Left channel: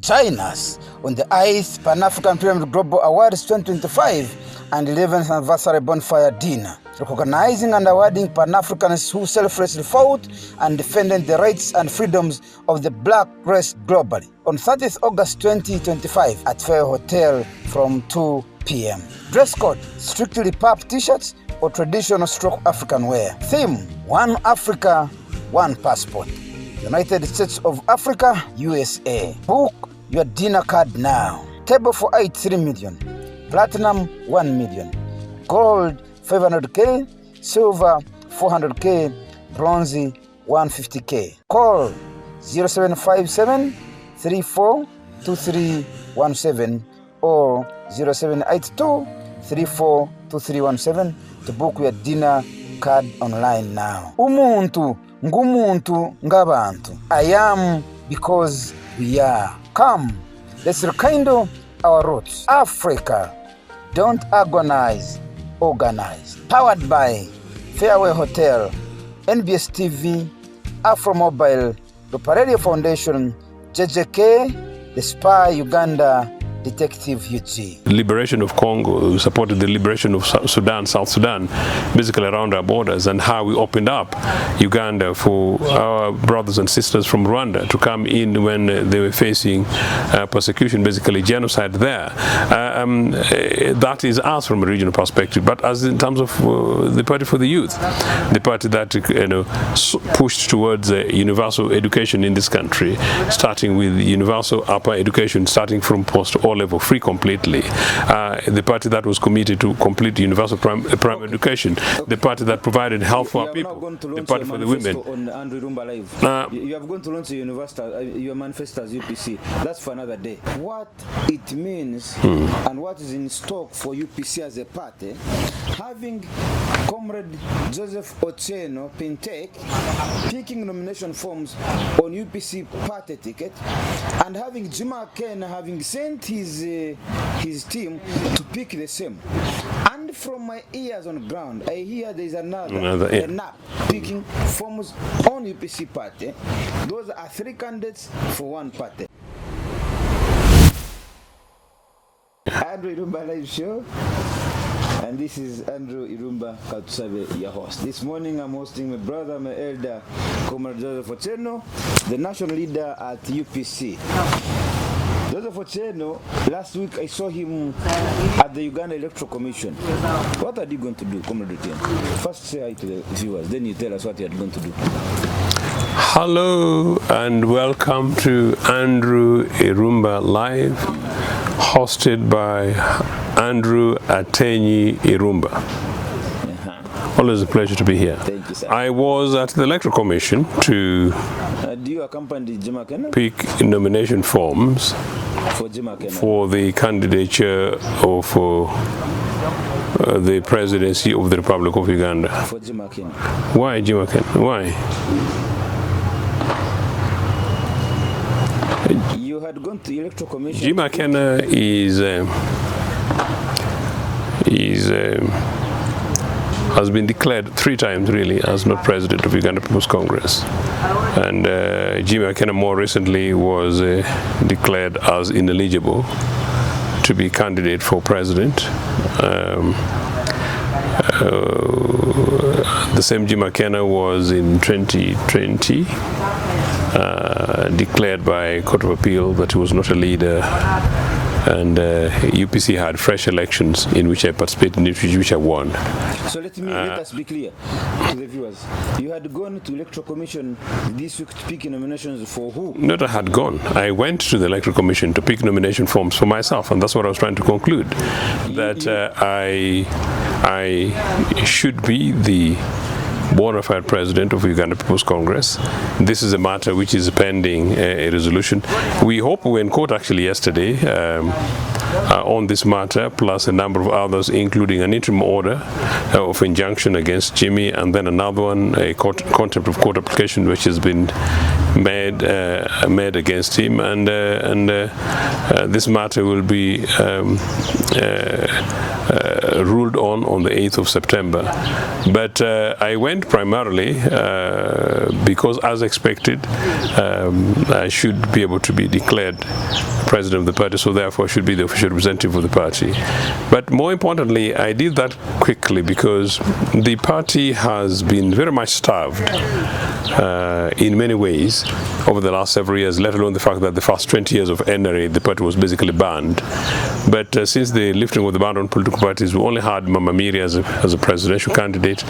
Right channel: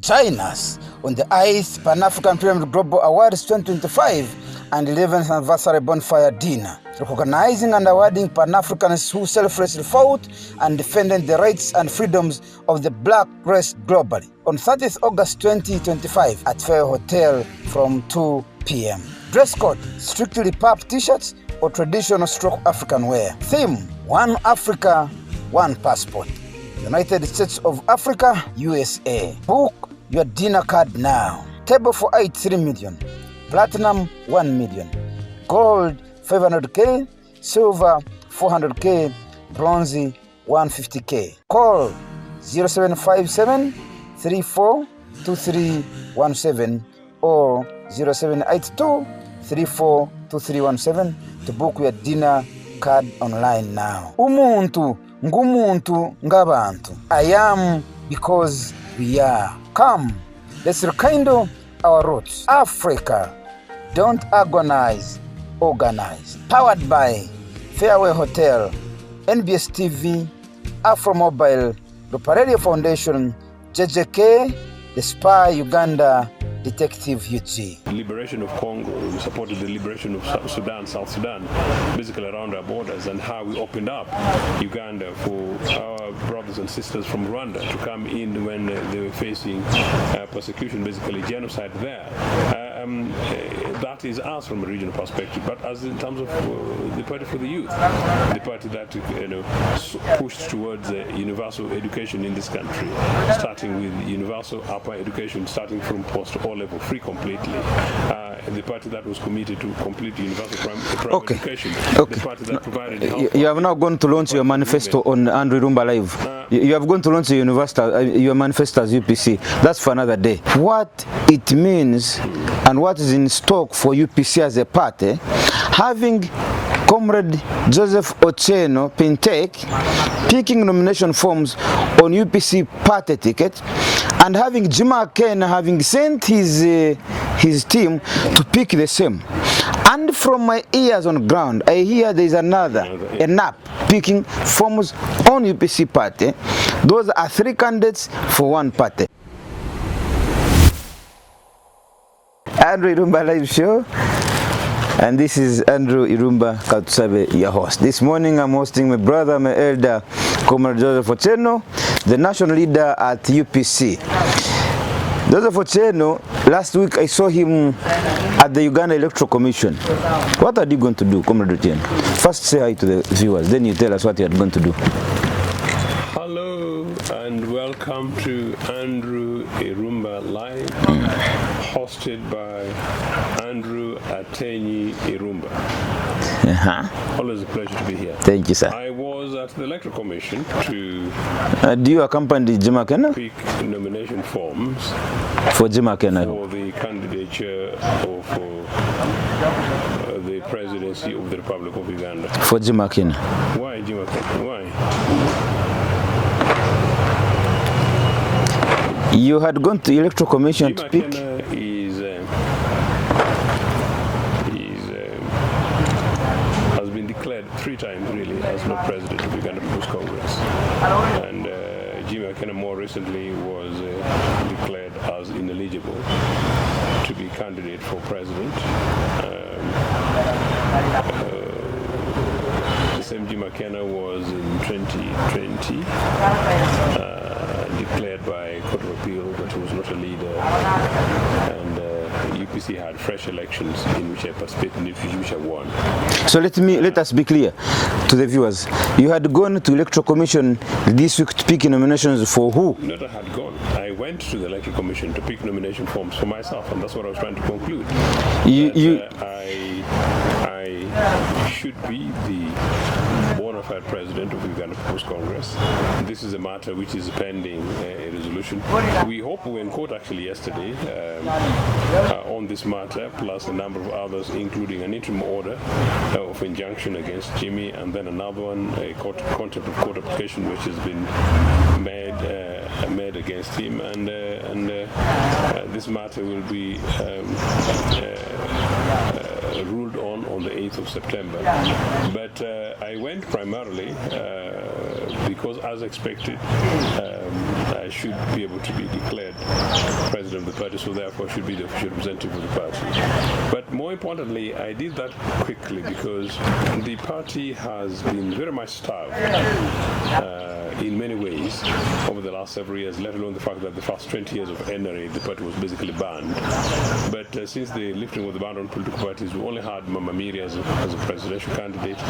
Join us on the 8th Pan-African Pyramid Global Awards 2025 and 11th Anniversary Bonfire Dinner, recognizing and awarding Pan-Africans who selflessly fought and defended the rights and freedoms of the black race globally. On 30th August 2025 at Fair Hotel from 2 p.m. Dress code, strictly pub t-shirts or traditional stroke African wear. Theme, One Africa, One Passport. United States of Africa, USA. Book your dinner card now. Table for 8, 3 million. Platinum, 1 million. Gold, 500K. Silver, 400K. Bronze, 150K. Call 0757 342317 or 0782 342317 to book your dinner card online now. Umuntu ngumuntu ngabantu. I am because we are. Come, let's rekindle our roots. Africa, don't agonize, organize. Powered by Fairway Hotel, NBS TV, Afro Mobile, Lupa Radio Foundation, JJK, The Spy Uganda, Detective UG. Liberation of Congo, we supported the liberation of Sudan, South Sudan, basically around our borders, and how we opened up Uganda for our brothers and sisters from Rwanda to come in when they were facing persecution, basically genocide there. That is us from a regional perspective, but as in terms of the Party for the Youth, the party that pushed towards universal education in this country, starting with universal upper education, starting from post-O level, free completely. The party that was committed to complete universal primary education. The party that provided health. You have now going to launch your manifesto on Andrew Irumba Live. You have going to launch your manifesto as UPC. That's for another day. What it means and what is in stock for UPC as a party, having Comrade Joseph Otieno Pintek picking nomination forms on UPC party ticket, and having Akena having sent his team to pick the same. And from my ears on ground, I hear there is another NAP picking forms on UPC party. Those are 3 candidates for 1 party. Andrew Irumba Live Show. And this is Andrew Irumba Katsabe, your host. This morning I'm hosting my brother, my elder, Comrade Joseph Otieno, the national leader at UPC. Joseph Otieno, last week I saw him at the Uganda Electoral Commission. What are you going to do, Comrade Otieno? First say hi to the viewers, then you tell us what you are going to do. Hello and welcome to Andrew Irumba Live, hosted by Andrew Atenyi Irumba. Always a pleasure to be here. Thank you, sir. I was at the Electoral Commission to do you accompany Akena? Pick nomination forms for Akena for the candidature of the presidency of the Republic of Uganda. For Akena. Why Akena? Why? You had gone to Electoral Commission. Akena has been declared 3 times really as not president of Uganda People's Congress, and Akena more recently was declared as ineligible to be candidate for president. The same Akena was in 2020 declared by Court of Appeal that he was not a leader, and UPC had fresh elections in which I participated, in which I won. So let us be clear to the viewers. You had gone to Electoral Commission this week to pick nominations for who? Not I had gone. I went to the Electoral Commission to pick nomination forms for myself, and that's what I was trying to conclude. I should be the bona fide president of Uganda People's Congress. This is a matter which is pending a resolution. We hope we were in court actually yesterday on this matter, plus a number of others, including an interim order of injunction against Jimmy, and then another one, a contempt of court application, which has been made against him, and this matter will be ruled on the 8th of September. But I went primarily because, as expected, I should be able to be declared president of the party, so therefore I should be the official representative of the party. But more importantly, I did that quickly because the party has been very much starved in many ways over the last several years, let alone the fact that the first 20 years of NRA, the party was basically banned. But since the lifting of the ban on political parties, we only had Mama Miri as a presidential candidate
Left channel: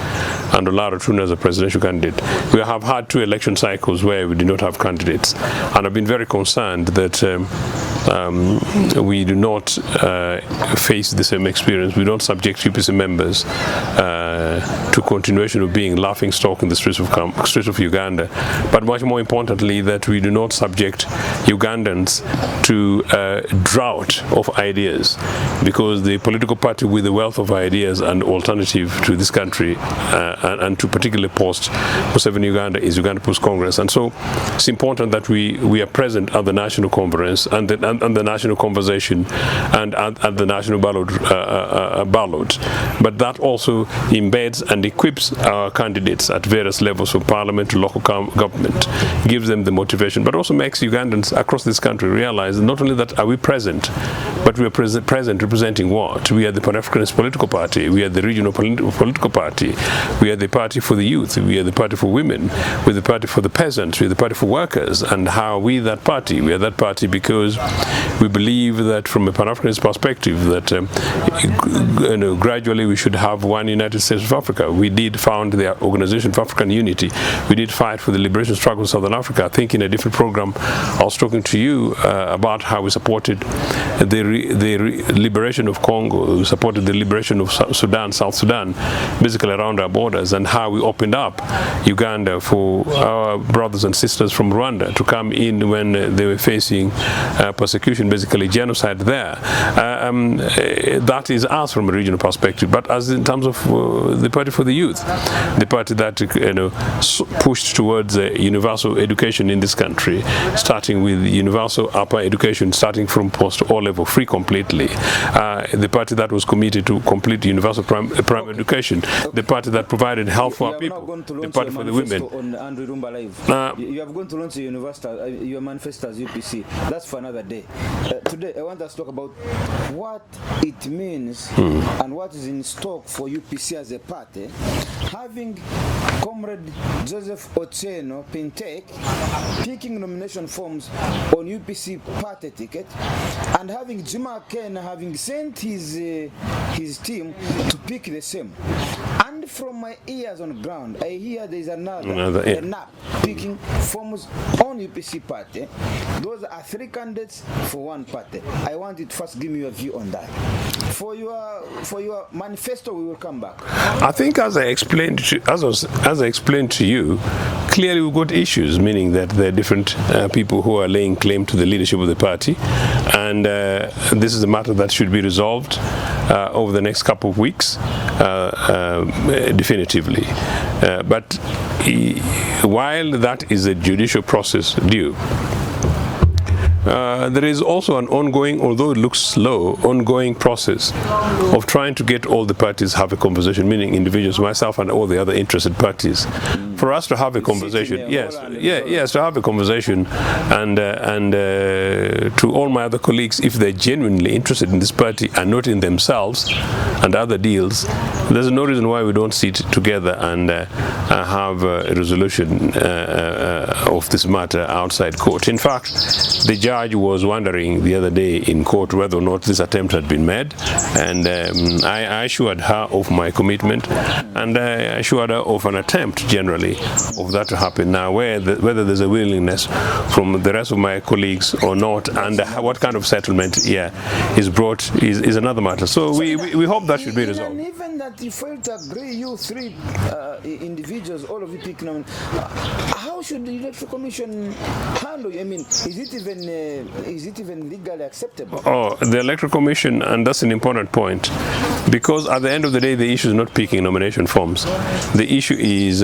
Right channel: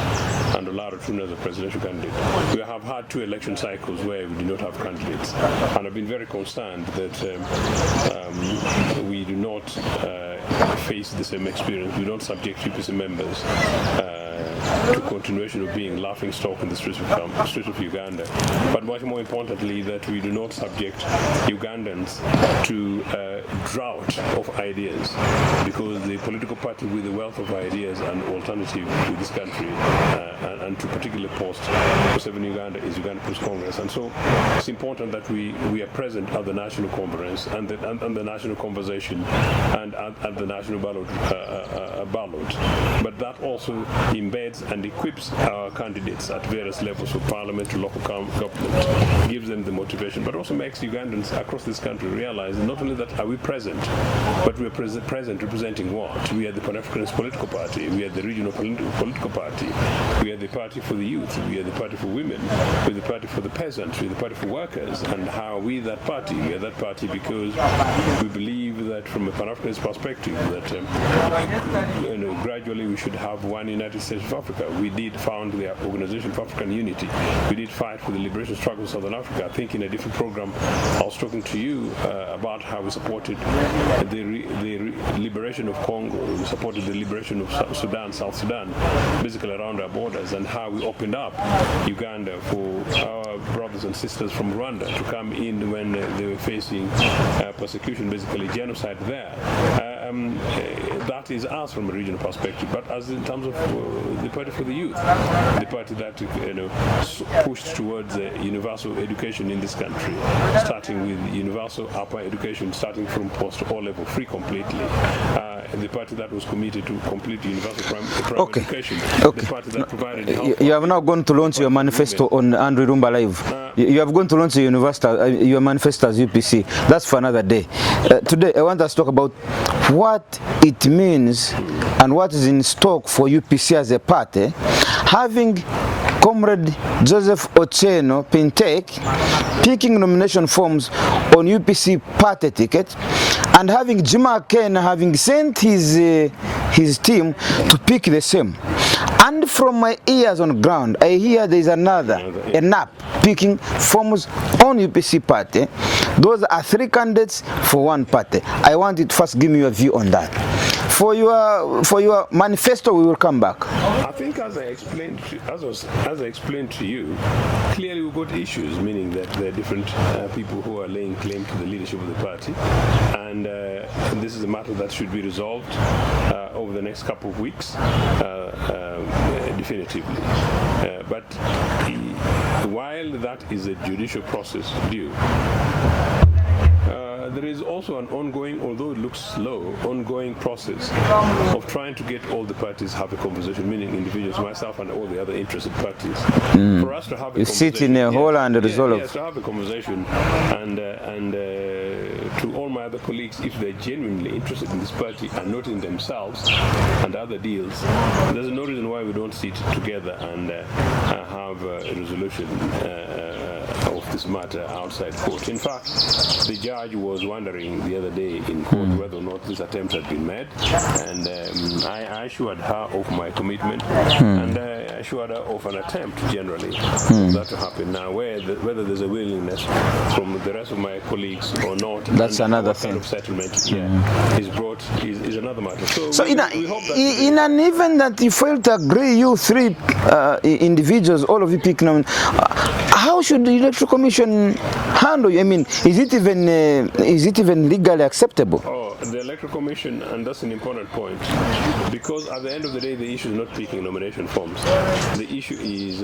and Olara Tuna as a presidential candidate. We have had 2 election cycles where we did not have candidates, and I've been very concerned that we do not face the same experience. We don't subject UPC members to continuation of being laughing stock in the streets of Uganda, but much more importantly that we do not subject Ugandans to a drought of ideas, because the political party with the wealth of ideas and alternative to this country and to particularly post-Museveni Uganda is Uganda People's Congress. And so it's important that we are present at the national conference and the national conversation and at the national ballot. But that also embeds and equips our candidates at various levels from parliament to local government, gives them the motivation, but also makes Ugandans across this country realize that not only that are we present, but we are present representing what? We are the Pan-Africanist political party, we are the regional political party, we are the party for the youth, we are the party for women, we are the party for the peasants, we are the party for workers. And how are we that party? We are that party because we believe that from a Pan-Africanist perspective that gradually we should have one United States of Africa. We did found the Organization for African Unity. We did fight for the liberation struggle of Southern Africa. I think in a different program I was talking to you about how we supported the liberation of Congo, we supported the liberation of Sudan, South Sudan, basically around our borders, and how we opened up Uganda for our brothers and sisters from Rwanda to come in when they were facing persecution, basically genocide there. That is us from a regional perspective. But as in terms of the party for the youth, the party that pushed towards universal education in this country, starting with universal upper education, starting from post-O level, free completely. The party that was committed to complete universal primary education. The party that provided health for you have now going to launch your manifesto on Andrew Rumba Live. You have going to launch your manifesto as UPC. That's for another day. Today I want us to talk about what it means and what is in stock for UPC as a party, having Comrade Joseph Otieno Pintek picking nomination forms on UPC party ticket, and having Akena having sent his team to pick the same. And from my ears on ground, I hear there is another a NAP picking forms on UPC party. Those are 3 candidates for 1 party. I want you to first give me your view on that. For your manifesto, we will come back. I think as I explained to you, clearly we've got issues, meaning that there are different people who are laying claim to the leadership of the party, and this is a matter that should be resolved over the next couple of weeks definitively. But while that is a judicial process due, there is also an ongoing, although it looks slow, ongoing process of trying to get all the parties have a conversation, meaning individuals, myself and all the other interested parties, for us to have a conversation. Yes, to have a conversation, and to all my other colleagues, if they're genuinely interested in this party and not in themselves and other deals, there's no reason why we don't sit together and have a resolution of this matter outside court. In fact, the judge was wondering the other day in court whether or not this attempt had been made, and I assured her of my commitment, and I assured her of an attempt generally of that to happen. Now, whether there's a willingness from the rest of my colleagues or not, that's and what kind of settlement is brought is another matter. So we hope that should be in an event that you fail to agree, you 3 individuals, all of you pick them, how how should the Electoral Commission handle? I mean, is it even legally acceptable? Oh, the Electoral Commission, and that's an important point, because at the end of the day, the issue is not picking nomination forms. The issue is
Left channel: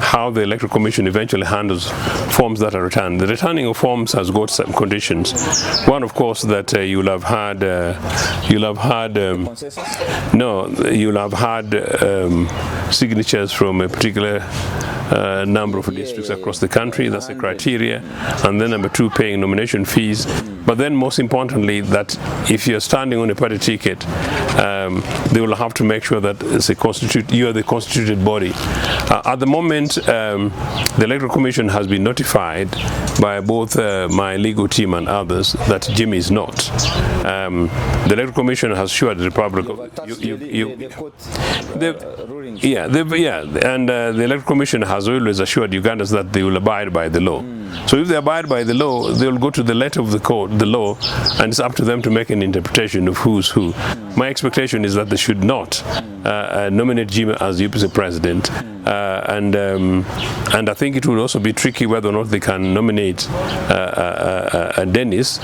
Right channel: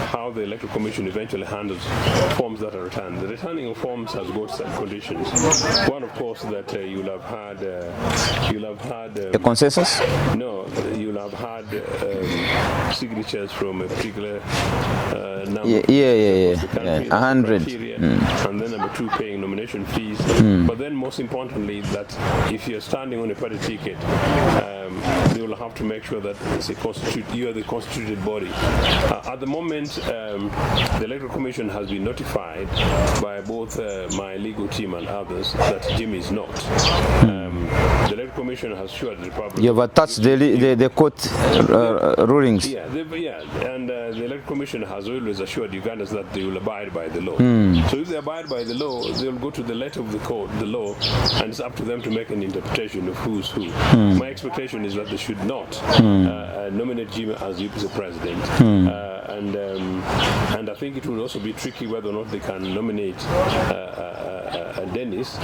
how the Electoral Commission eventually handles forms that are returned. The returning of forms has got some conditions. One, of course, that you'll have had a consensus. No, you'll have had signatures from a particular number of districts across the country. That's the criteria. And then number two, paying nomination fees. But then most importantly, that if you're standing on a party ticket, they will have to make sure that you are the constituted body. At the moment, the Electoral Commission has been notified by both my legal team and others that Jimmy is not. The Electoral Commission has assured the Republic. You have attached the court rulings. Yeah, and the Electoral Commission has always assured Ugandans that they will abide by the law. So if they abide by the law, they will go to the letter of the court, the law, and it's up to them to make an interpretation of who's who. My expectation is that they should not nominate Jimmy as UPC president, and I think it will also be tricky whether or not they can nominate Dennis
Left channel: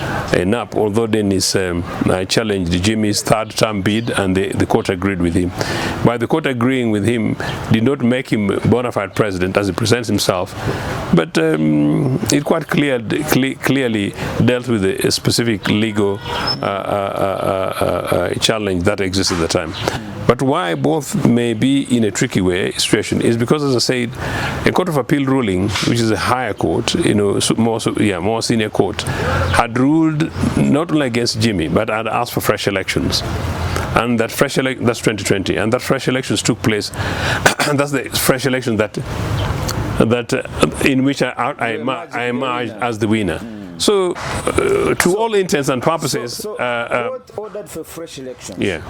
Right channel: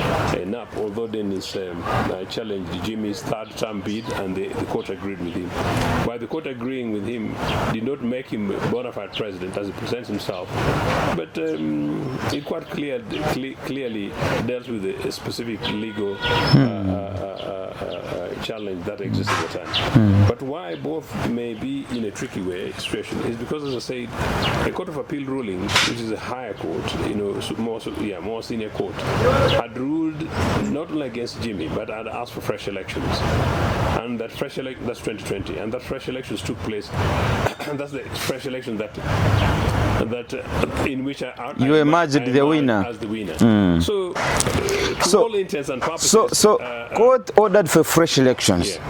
Nap, although Dennis challenged Jimmy's third-term bid, and the court agreed with him. By the court agreeing with him did not make him a bona fide president as he presents himself, but it quite clearly dealt with a specific legal challenge that exists at the time. But why both may be in a tricky situation is because, as I said, a Court of Appeal ruling, which is a higher court, more senior court, had ruled not only against Jimmy, but had asked for fresh elections. And that that's 2020, and that fresh elections took place, and that's the fresh election in which I emerged as the winner. So, to all intents and purposes, court ordered for fresh elections. Yeah.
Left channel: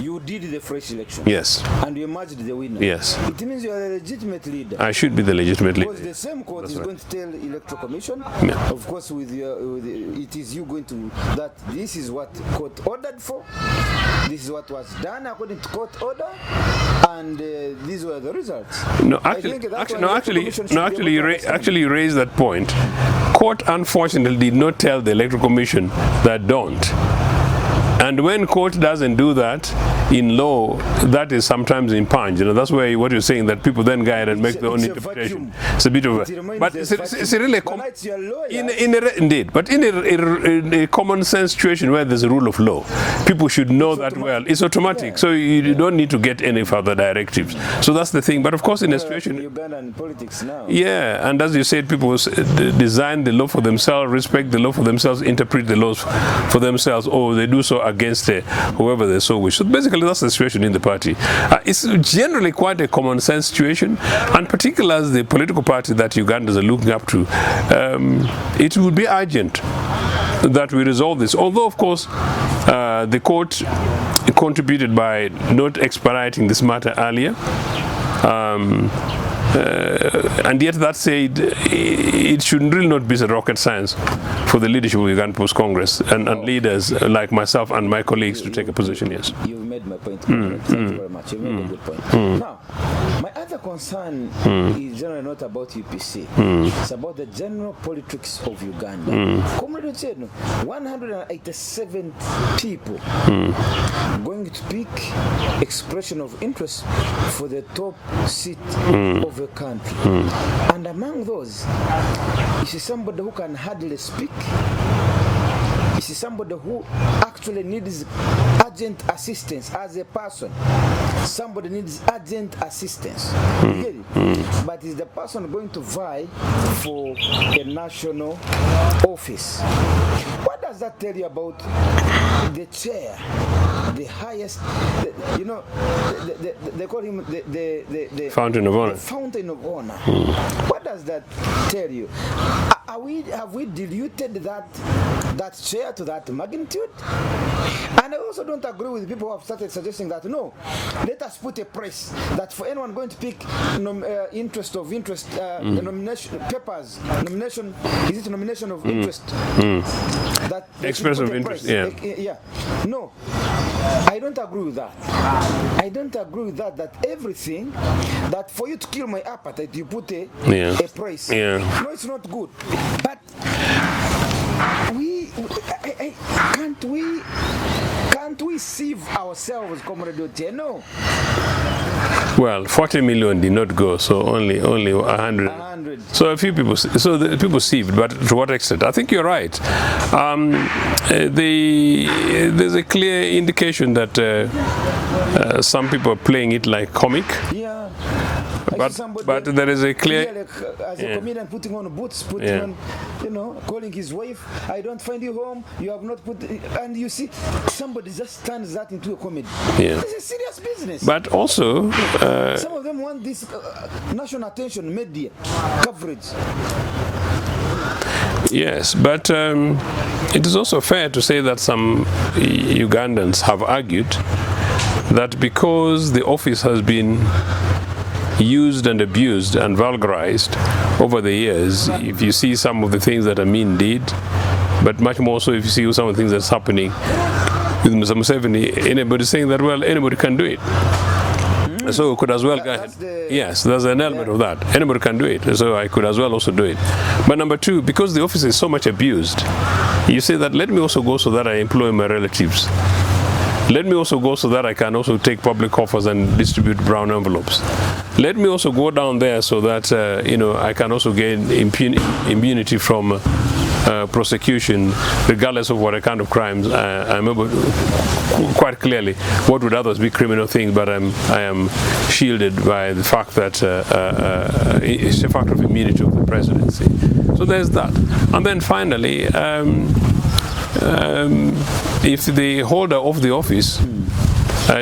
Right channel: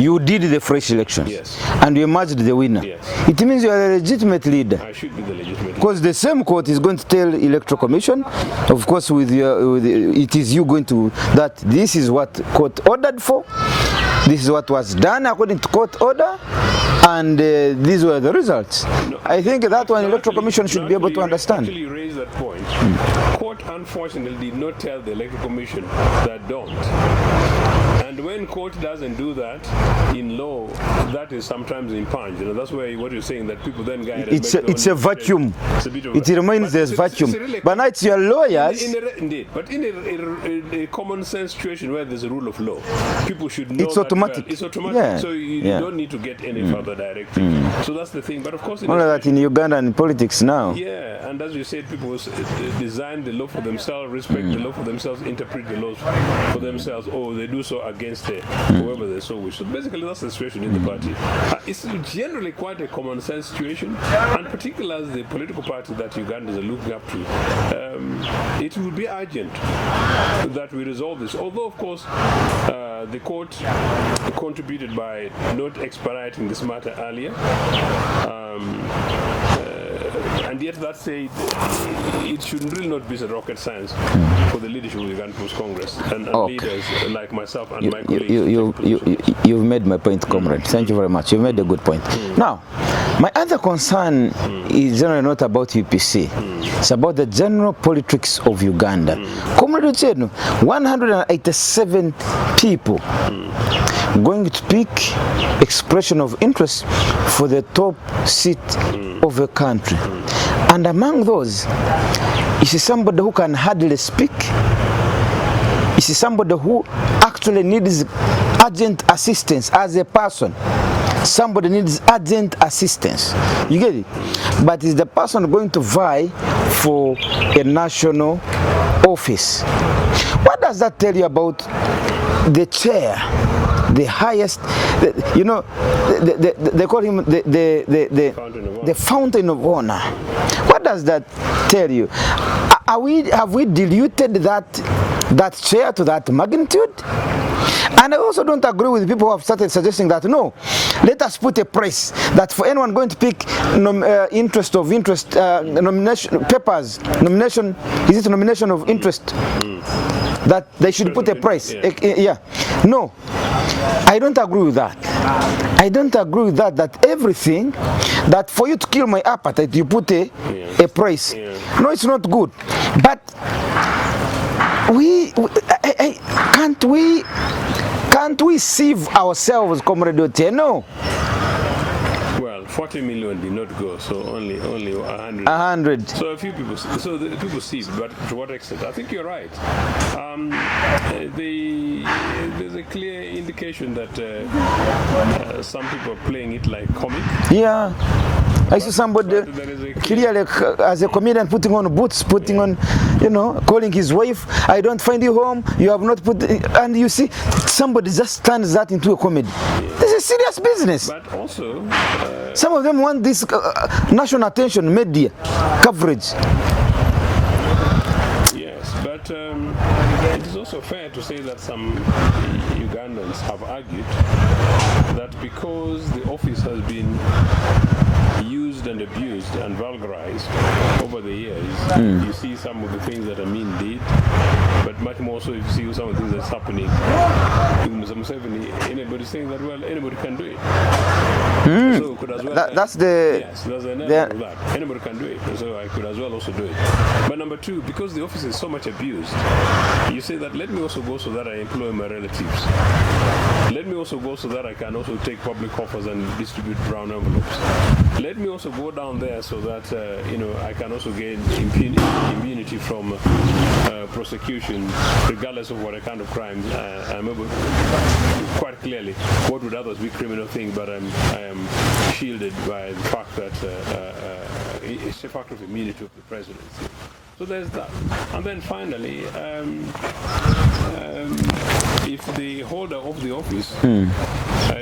You did the fresh election. Yes. And you emerged the winner. Yes. It means you are a legitimate leader. I should be the legitimate leader. Because the same court is going to tell Electoral Commission, of course, it is you going to, that this is what court ordered for, this is what was done according to court order, and these were the results. No, I think that's why the Electoral Commission should be able to understand. Actually, you raised that point. Court, unfortunately, did not tell the Electoral Commission that don't. And when court doesn't do that in law, that is sometimes impunged. That's why what you're saying, that people then go ahead and make their own interpretation. It's a vacuum. It's a bit of it remains a vacuum. Really but now it's your lawyers. Indeed. But in a common sense situation where there's a rule of law, people should know it's that automatic. well. It's automatic. Yeah. So you don't need to get any further directives. So that's the thing. But of course, in a situation in Ugandan politics now. Yeah, and as you said, people design the law for themselves, respect the law for themselves, interpret the laws for themselves, or they do so against whoever they so wish. So basically, that's the situation in the party. It's generally quite a common sense situation, and particularly as the political party that Ugandans are looking up to, it will be urgent that we resolve this. Although, of course, the court contributed by not expediting this matter earlier. And yet, that said, it should really not be a rocket science for the leadership of the Ugandan People's Congress and leaders like myself and my colleagues to take a position. Yes. You've made my point, comrade. Thank you very much. You've made a good point. Now, my other concern is generally not about UPC. It's about the general politics of Uganda. Comrade said 187 people going to pick expression of interest for the top seat of a country. And among those, you see somebody who can hardly speak. You see somebody who actually needs urgent assistance as a person. Somebody needs urgent assistance. You get it? But is the person going to vie for a national office? What does that tell you about the chair, the highest, they call him the Fountain of Honor. The Fountain of Honor. What does that tell you? Have we diluted that chair to that magnitude? And I also don't agree with people who have started suggesting that, no, let us put a price that for anyone going to pick nomination papers, nomination, is it nomination of interest? That they should put a price. No. I don't agree with that. I don't agree with that. That everything, that for you to kill my appetite, you put a price. Yeah. No, it's not good. But can't we save ourselves, Comrade Otieno? Well, 40 million did not go, so only 100. 100. So a few people, so the people saved, but to what extent? I think you're right. There's a clear indication that some people are playing it like comic. Yeah. I see somebody but there is a clear, as a comedian putting on boots, putting on, calling his wife, I don't find you home, you have not put, and you see, somebody just turns that into a comedy. Yeah. This is serious business. But also, some of them want this national attention, media coverage. Yes, but it is also fair to say that some Ugandans have argued that because the office has been used and abused and vulgarized over the years, if you see some of the things that Amin did, but much more so if you see some of the things that's happening with Mr. Museveni, anybody saying that, well, anybody can do it. So could as well. Yes, there's an element of that. Anybody can do it, so I could as well also do it. But number two, because the office is so much abused, you say that let me also go so that I employ my relatives. Let me also go so that I can also take public offers and distribute brown envelopes. Let me also go down there so that I can also gain immunity from prosecution, regardless of what kind of crimes. I remember quite clearly what would others be criminal things, but I am shielded by the fact that it's a factor of immunity of the presidency. So there's that. And then finally, if the holder of the office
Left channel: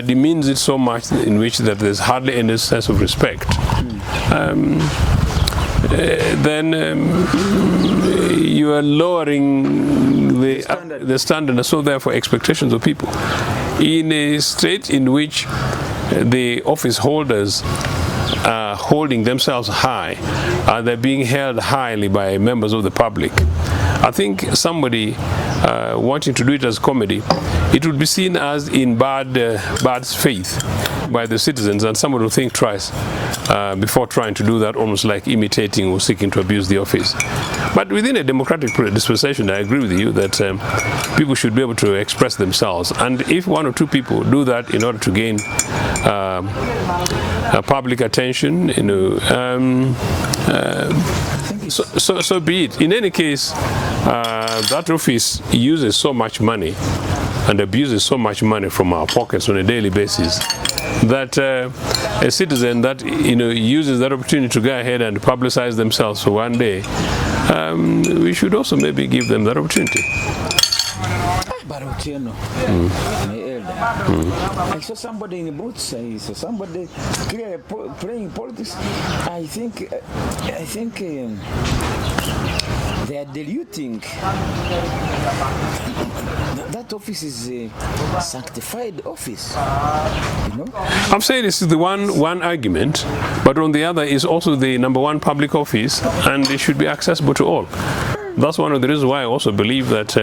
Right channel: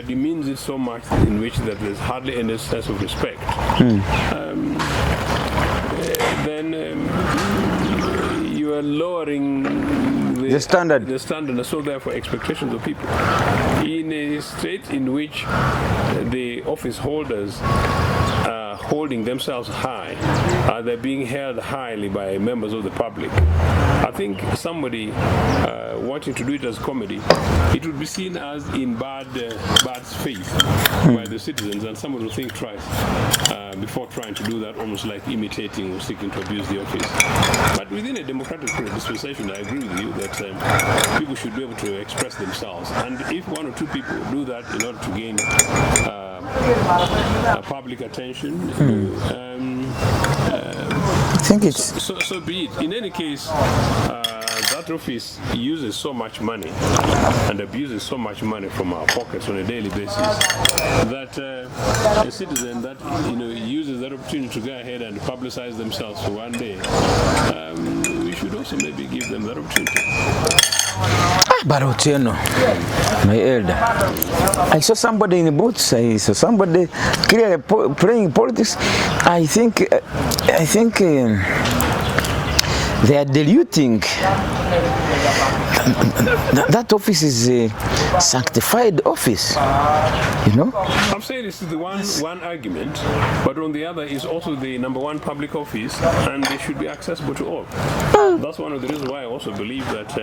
demeans it so much in which that there's hardly any sense of respect, then you are lowering the standard, and so therefore expectations of people. In a state in which the office holders are holding themselves high, they're being held highly by members of the public, I think somebody wanting to do it as comedy, it would be seen as in bad faith by the citizens, and someone will think twice before trying to do that, almost like imitating or seeking to abuse the office. But within a democratic dispensation, I agree with you that people should be able to express themselves, and if one or two people do that in order to gain public attention, I think it's so be it. In any case, that office uses so much money and abuses so much money from our pockets on a daily basis that a citizen that uses that opportunity to go ahead and publicize themselves for one day, we should also maybe give them that opportunity. But Otieno, my elder, I saw somebody in the boots. I saw somebody clearly playing politics. I think they are diluting. That office is a sanctified office, I'm saying this is the one argument, but on the other is also the #1 public office, and it should be accessible to all. That's one of the reasons why I also believe that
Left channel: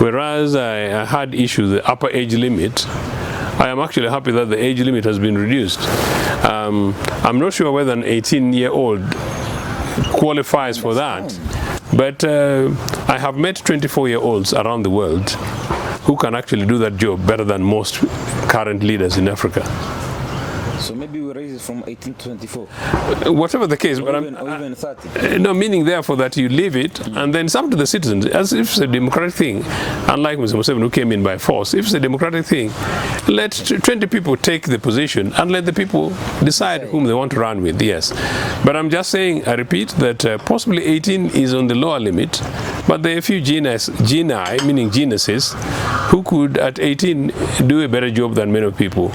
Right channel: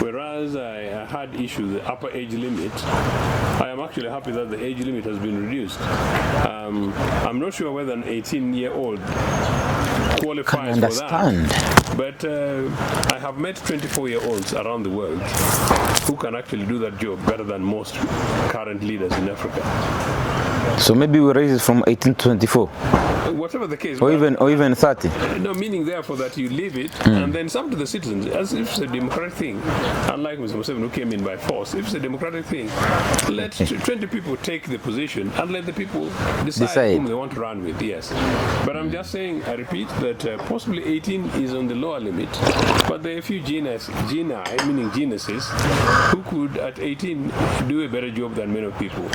whereas I had issued the upper age limit, I am actually happy that the age limit has been reduced. I'm not sure whether an 18-year-old qualifies for that, but I have met 24-year-olds around the world who can actually do that job better than most current leaders in Africa. So maybe we raise it from 18 to 24. Whatever the case. Or even 30. No, meaning therefore that you leave it and then it's up to the citizens. As if it's a democratic thing, unlike Mr. Museveni who came in by force, if it's a democratic thing, let 20 people take the position and let the people decide whom they want to run with, yes. But I'm just saying, I repeat, that possibly 18 is on the lower limit, but there are a few genii, meaning geniuses, who could at 18 do a better job than many people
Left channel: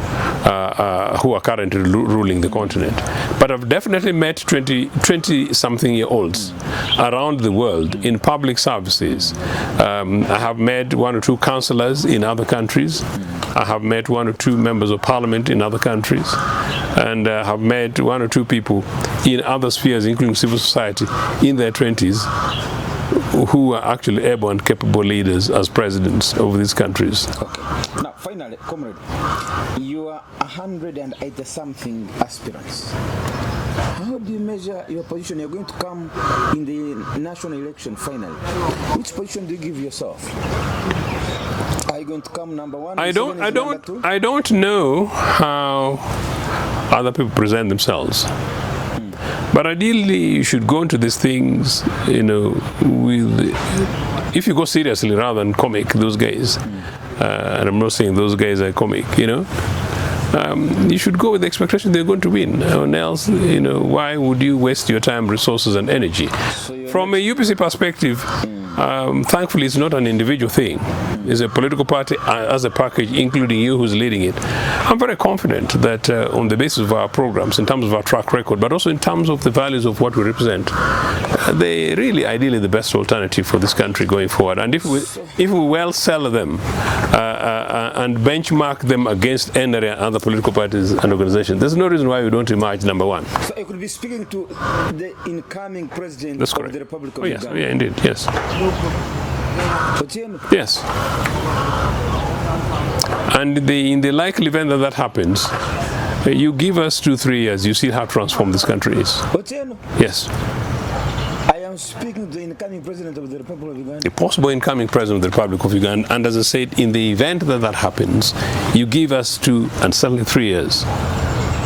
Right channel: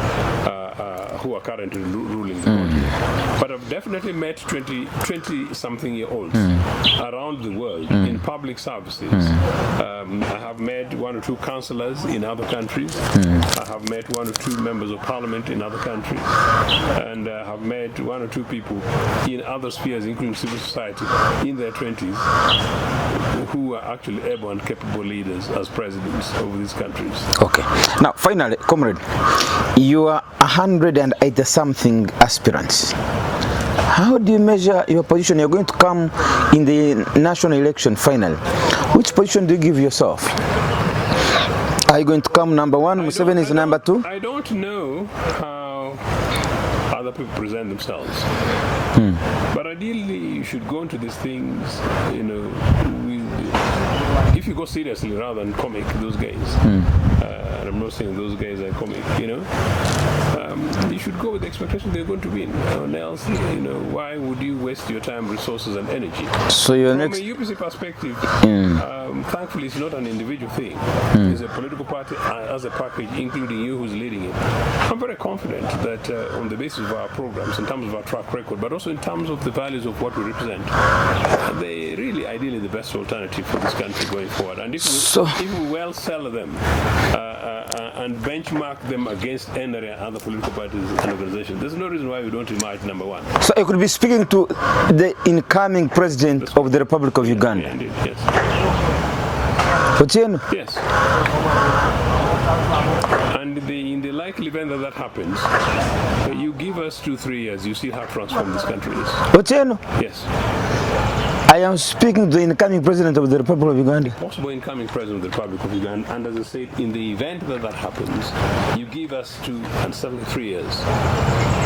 who are currently ruling the continent. But I've definitely met 20-something-year-olds around the world in public services. I have met 1 or 2 councillors in other countries. I have met 1 or 2 members of parliament in other countries. And I have met 1 or 2 people in other spheres, including civil society, in their 20s, who are actually able and capable leaders as presidents of these countries. Okay. Now, finally, comrade, you are 180-something aspirants. How do you measure your position? You're going to come in the national election final. Which position do you give yourself? Are you going to come number one? Museveni is number two? I don't know how other people present themselves. But ideally, you should go into these things, if you go seriously rather than comic, those guys. And I'm not saying those guys are comic, you should go with the expectation they're going to win. Or else, why would you waste your time, resources, and energy? So from a UPC perspective, thankfully, it's not an individual thing. It's a political party as a package, including you who's leading it. I'm very confident that on the basis of our programs, in terms of our track record, but also in terms of the values of what we represent, they really, ideally, the best alternative for this country going forward. And if we well sell them and benchmark them against any other political parties and organizations, there's no reason why we don't emerge number one. So you could be speaking to the incoming president of the Republic of Uganda. Yeah, indeed, yes. Otieno? Yes. And in the likely event that happens, you give us 2-3 years, you see how transformed this country is. Otieno? Yes. I am speaking to the incoming president of the Republic of Uganda. The possible incoming president of the Republic of Uganda, and as I said, in the event that happens, you give us 2 and certainly 3 years,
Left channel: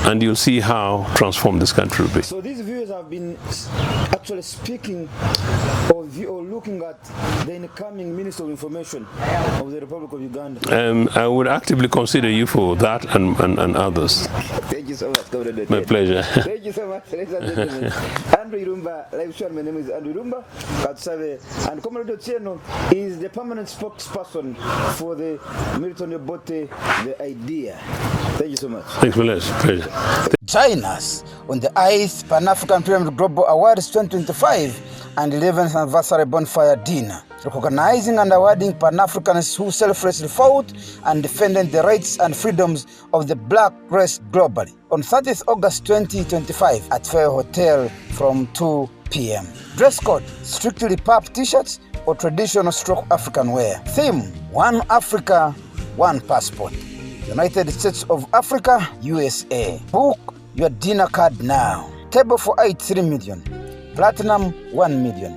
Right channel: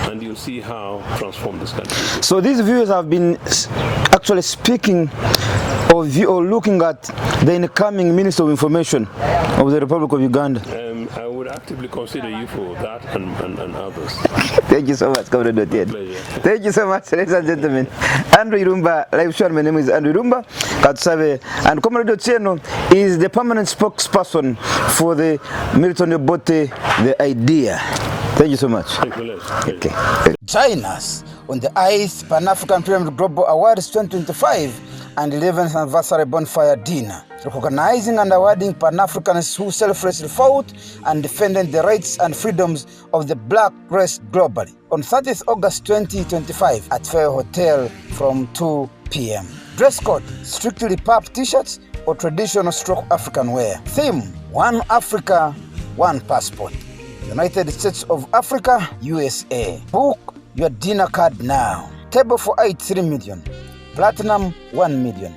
and you'll see how transformed this country will be. So these viewers have been actually speaking or looking at the incoming Minister of Information of the Republic of Uganda. I would actively consider you for that and others. Thank you so much, Comrade. My pleasure. Thank you so much, ladies and gentlemen. Andrew Irumba, live show. My name is Andrew Irumba. And Comrade Otieno is the permanent spokesperson for the Milton Obote, the idea. Thank you so much. Thanks, Melez. Pleasure. Okay. Join us on the ICE Pan-African Pyramid Global Awards 2025 and 11th Anniversary Bonfire Dinner, recognizing and awarding Pan-Africans who selflessly fought and defended the rights and freedoms of the black race globally on 30th August 2025 at Fair Hotel from 2 p.m. Dress code, strictly pub t-shirts or traditional African wear. Theme, One Africa, One Passport. United States of Africa, USA. Book your dinner card now. Table for 8, 3 million. Platinum, 1 million.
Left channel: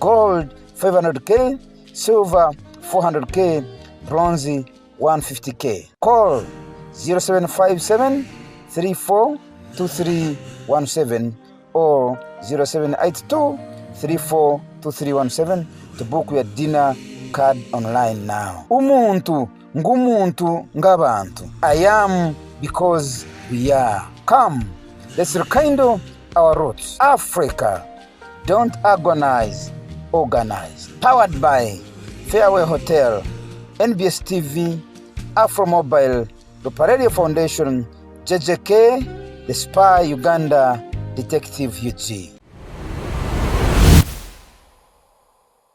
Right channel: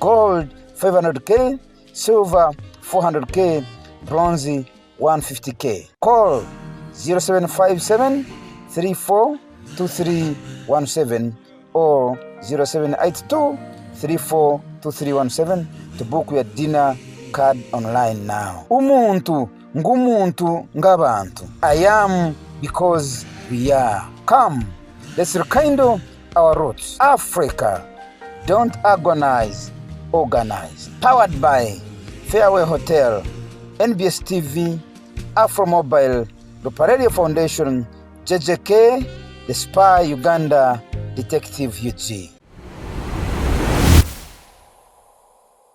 Gold, 500K. Silver, 400K. Bronze, 150K. Call 0757 342317 or 0782 342317 to book your dinner card online now. Umuntu ngumuntu ngabantu. I am because we are. Come, let's rekindle our roots. Africa, don't agonize, organize. Powered by Fairway Hotel, NBS TV, Afro Mobile, the Radio Foundation, JJK, The Spy Uganda, Detective UG.